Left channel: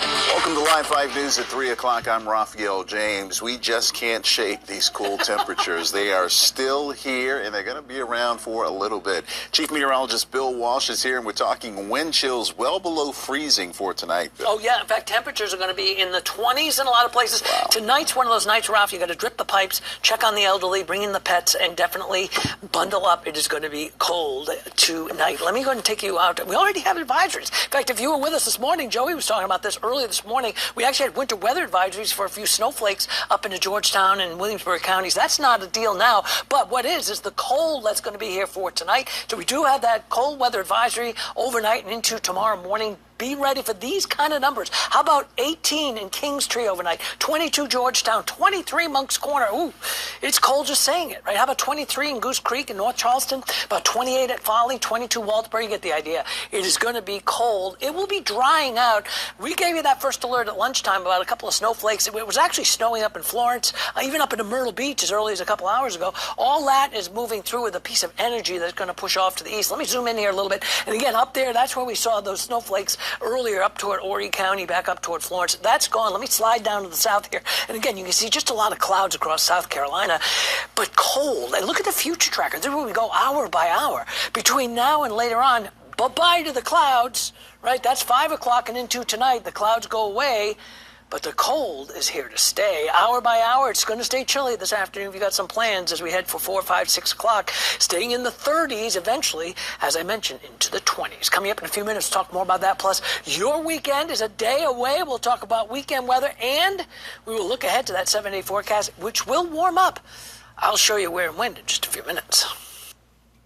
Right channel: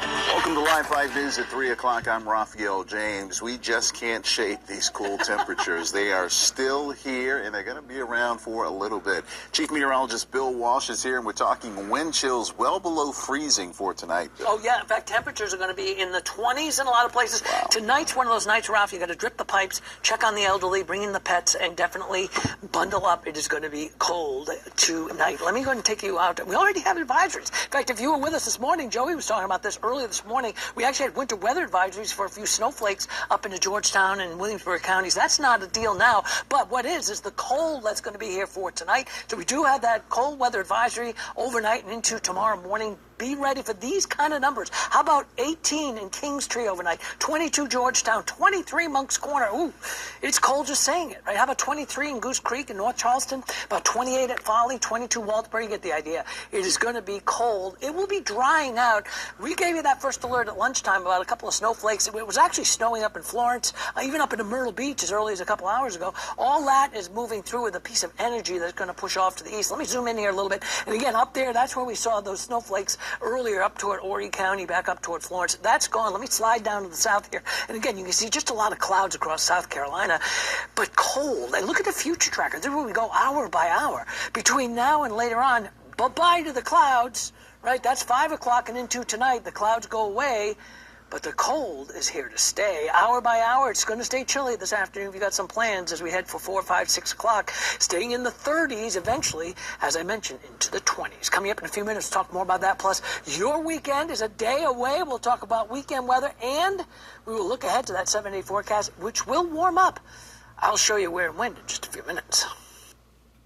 Welcome to Live 5 News at 3 o'clock. I'm Raphael James. We just can't shake these cool temperatures. They are still here, and they're going to be around for a little bit. Chief Meteorologist Bill Walsh is here, and we're talking wind chills well below freezing for tonight. Bill. Oh, yeah. In fact, temperatures are going to be in the 20s in a lot of places. Wow. Tonight's one of those nights, Ralph, you got to drip the pipes, check on the elderly, bring in the pets, and definitely bundle up. It is going to be cold tonight. Let me go ahead and take you out. We already have advisories. In fact, if you were with us this morning, Joey was talking about this earlier this morning. We actually had winter weather advisories for a few snowflakes up into Georgetown and Williamsburg counties. That's not a deal now, but what is the cold that's going to be here for tonight. So we do have that cold weather advisory overnight and into tomorrow morning. Be ready for these kind of numbers. How about 18 in Kingstree overnight, 22 Georgetown, 23 Moncks Corner. Ooh, it's cold just saying it, right? How about 23 in Goose Creek in North Charleston, about 28 at Foley, 22 Walterboro. You get the idea. It is going to be cold. It will be drying out. We gave you that first alert at lunchtime about a couple of snowflakes. It was actually snowing up in Florence, even up into Myrtle Beach as early as a couple hours ago. All that is moving through with a piece of energy that's going to push off to the east. Let me zoom in here a little bit. And again, up there, that's where we saw those snowflakes earlier up toward Horry County, back up toward Florence. That's gone. Let me slide down to the south here. And again, you can see just a lot of clouds across South Carolina, but cold. And look at the future tracker. This is where we go hour by hour. Between now and later on, bye-bye to the clouds, right? That's 5 o'clock and into tonight. The clouds go away. But the cold is here to stay. Hour by hour, it's going to stay chilly this afternoon. We've got some plans as we head for 4, 5, 6 o'clock, staying in the 30s eventually, as I mentioned, into the 20s. Coming up in a few minutes, talk more about that. Plus, your weekend is a day away. We'll talk about weekend weather, and we will look ahead to that 7-day forecast, which will warm up. I'll show you where and when in just a few minutes.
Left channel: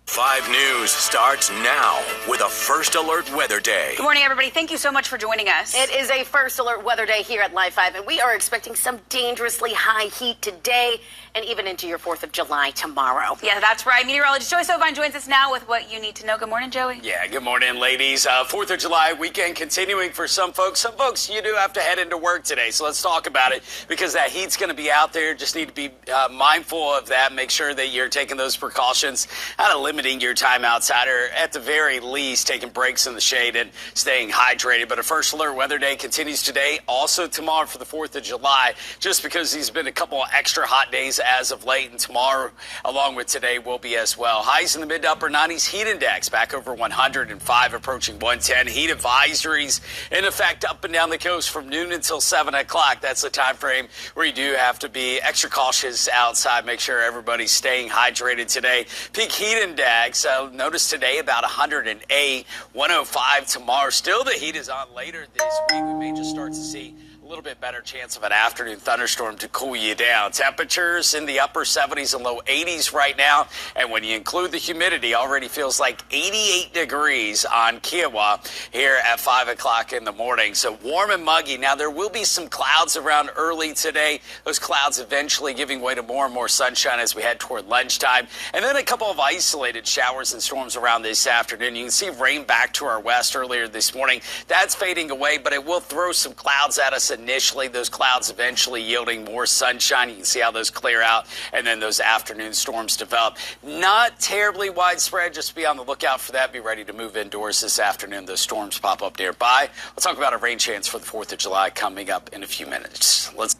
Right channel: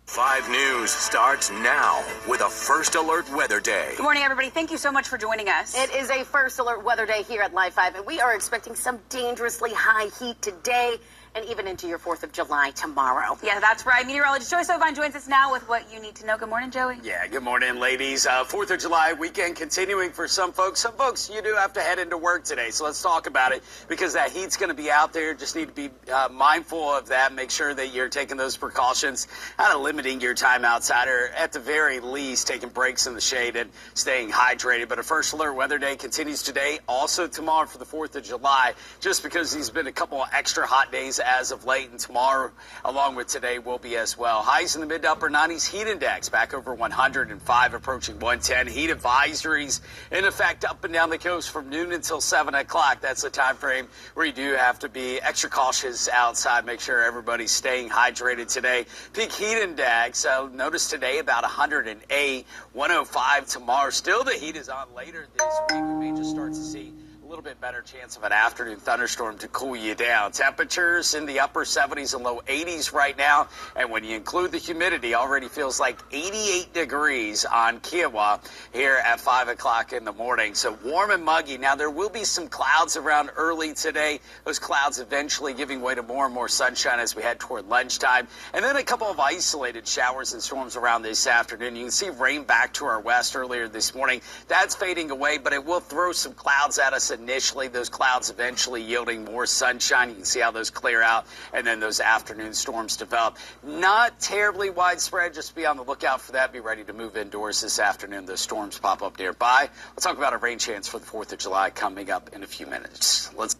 5 News starts now with a First Alert Weather Day. Good morning, everybody. Thank you so much for joining us. It is a First Alert Weather Day here at Live 5, and we are expecting some dangerously high heat today and even into your 4th of July tomorrow. Yeah, that's right. Meteorologist Joey Sovine joins us now with what you need to know. Good morning, Joey. Yeah, good morning, ladies. 4th of July weekend continuing for some folks. Some folks, you do have to head into work today, so let's talk about it because that heat's going to be out there. Just need to be mindful of that. Make sure that you're taking those precautions, kind of limiting your time outside, or at the very least taking breaks in the shade and staying hydrated. But a First Alert Weather Day continues today, also tomorrow for the 4th of July, just because these have been a couple of extra hot days as of late, and tomorrow along with today will be as well. Highs in the mid to upper 90s. Heat index back over 105, approaching 110. Heat advisories in effect up and down the coast from noon until 7 o'clock. That's the time frame where you do have to be extra cautious outside. Make sure everybody's staying hydrated today. Peak heat index, notice today about 108, 105 tomorrow. Still the heat is on later this week. We may just start to see a little bit better chance of an afternoon thunderstorm to cool you down. Temperatures in the upper 70s and low 80s right now. And when you include the humidity, already feels like 88 degrees on Kiowa here at 5 o'clock in the morning. So warm and muggy. Now, there will be some clouds around early today. Those clouds eventually giving way to more and more sunshine as we head toward lunchtime. And then a couple of isolated showers and storms around this afternoon. You can see rain back to our west earlier this morning. That's fading away, but it will throw some clouds at us initially. Those clouds eventually yielding more sunshine. You can see how those clear out, and then those afternoon storms develop. Not terribly widespread. Just be on the lookout for that. Be ready to move indoors this afternoon. Those storms pop up nearby. We'll talk about a rain chance for the 4th of July coming up in a few minutes. Let's.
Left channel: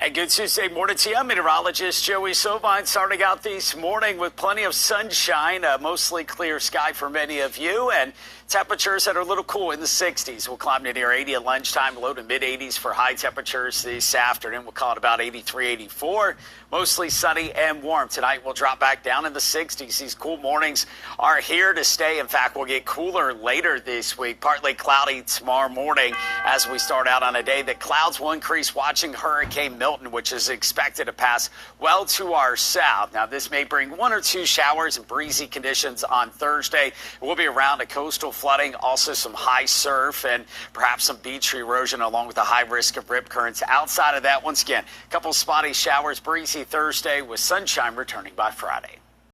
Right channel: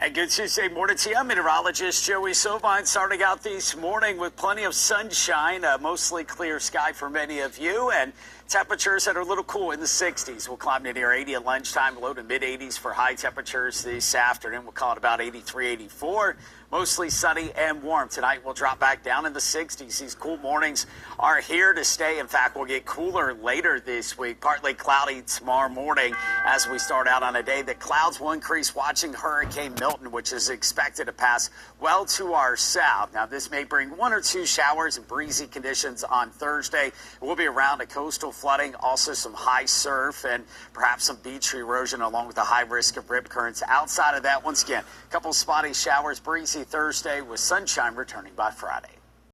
And good Tuesday morning to you. Meteorologist Joey Sovine starting out this morning with plenty of sunshine, mostly clear sky for many of you, and temperatures that are a little cool in the 60s. We'll climb to near 80 at lunchtime, low to mid 80s for high temperatures this afternoon. We'll call it about 83, 84. Mostly sunny and warm. Tonight we'll drop back down in the 60s. These cool mornings are here to stay. In fact, we'll get cooler later this week. Partly cloudy tomorrow morning as we start out on a day that clouds will increase watching Hurricane Milton, which is expected to pass well to our south. Now, this may bring 1 or 2 showers and breezy conditions on Thursday. We'll be around a coastal flooding, also some high surf and perhaps some beach erosion along with a high risk of rip currents. Outside of that, once again, a couple spotty showers, breezy Thursday with sunshine returning by Friday.